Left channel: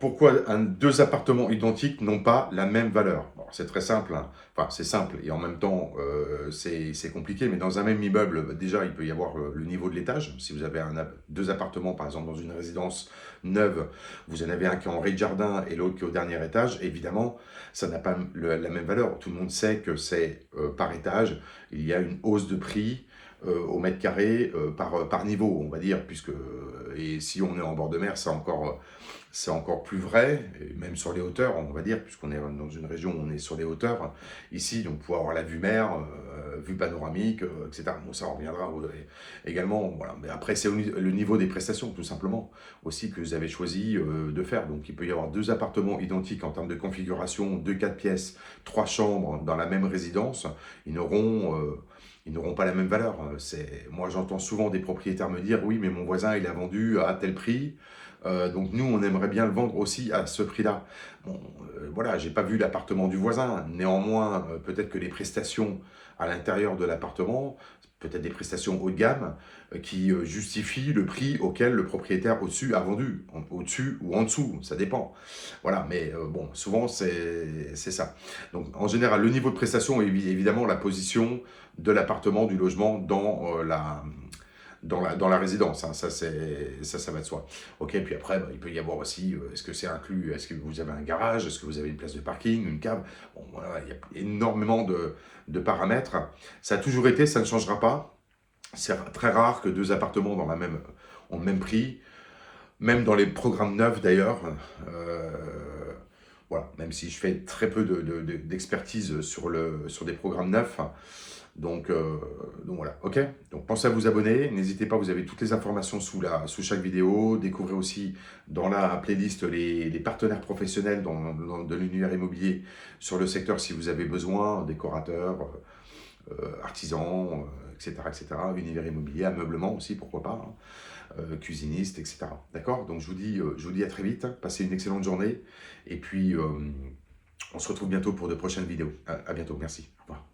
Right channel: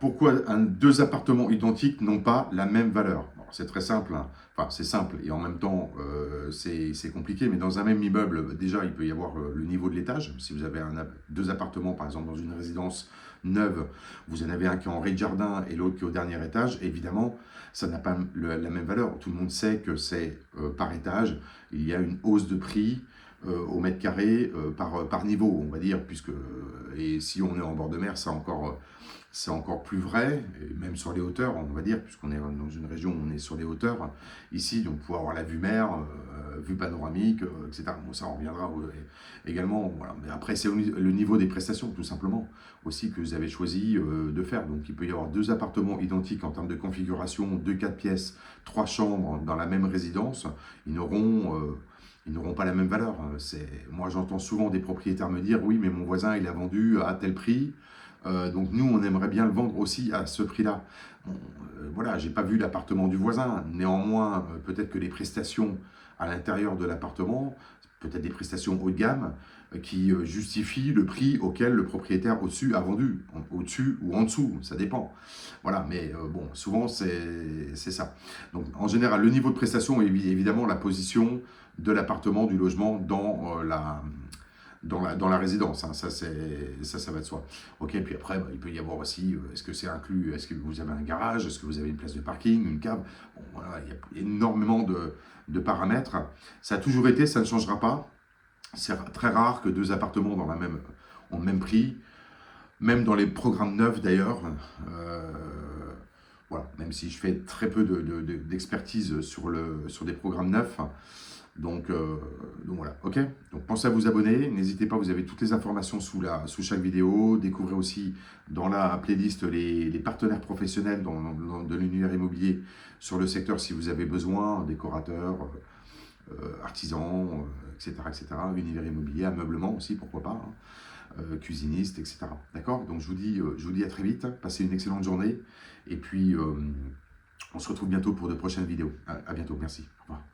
pourquoi deux appartements identiques n'ont pas la même valeur? Bon, c'est très simple, hein. Enfin, c'est simple et en même temps, c'est compliqué. Mais dans un même immeuble, bah, déjà, il peut y avoir le niveau de l'étage. Si vous avez deux appartements, par exemple, dans une résidence neuve, vous en avez un qui est en rez-de-jardin et l'autre qui est au dernier étage. Évidemment, ça n'a pas la même valeur. Tout le monde sait que c'est par étage. Il y a une hausse de prix au mètre carré par niveau, on va dire, puisque et si on est en bord de mer, c'est encore plus vrai, et même sur les hauteurs, on va dire, puisqu'on est dans une région où on est sur les hauteurs. Ici, on peut avoir la vue mer, vue panoramique, etc. Bon, ça, on reviendra également. Voilà. Mais après, c'est le niveau des prestations, tout simplement, aussi, que vous avez choisi de faire. Donc, il peut y avoir deux appartements identiques en termes de configuration, 2-4 pièces, 3 chambres dans la même résidence. Ils n'auront pas la même valeur. Moi, j'entends souvent des propriétaires me dire, oui, mais mon voisin, il a vendu à tel prix. Donc nous, on aimerait bien le vendre aussi à ce prix-là. Bon, voilà, j'ai pas vu l'appartement du voisin. Néanmoins, peut-être que les prestations à l'intérieur de l'appartement, peut-être des prestations haut de gamme, qui justifient le prix auquel le propriétaire au-dessus a vendu. Au-dessus ou en dessous, ça dépend. Voilà, mais bon, souvent c'est ça. Donc en général, le niveau de prestation est évidemment la position de l'appartement, du logement dans la résidence, hein. Ça va de soi. Ok, puis après, bah, il peut y avoir aussi, est-ce que c'est inclus, est-ce que vous avez un garage, est-ce que vous avez une place de parking, une cave. Bon, voilà, il y a énormément de paramètres. Ça a toujours été, ça ne changera pas. C'est très rare que deux appartements ont le même prix, même dans les programmes neufs d'ailleurs. Euh, voilà, même si je fais très peu d'expertise sur des programmes neufs. Donc, euh, donc voilà, ok. Donc pensez à vous abonner, n'hésitez pas, vous avez toutes les informations sous chaque vidéo. Découvrez aussi dans la playlist les partenaires professionnels de l'univers immobilier sur le secteur si vous avez besoin, décorateurs, artisans, etc., etc. Univers immobilier, ameublement aussi, pourquoi pas, hein, cuisinistes, etc. D'accord. Donc je vous dis à très vite, passez une excellente journée et puis on se retrouve bientôt pour de prochaines vidéos. À bientôt, merci, au revoir.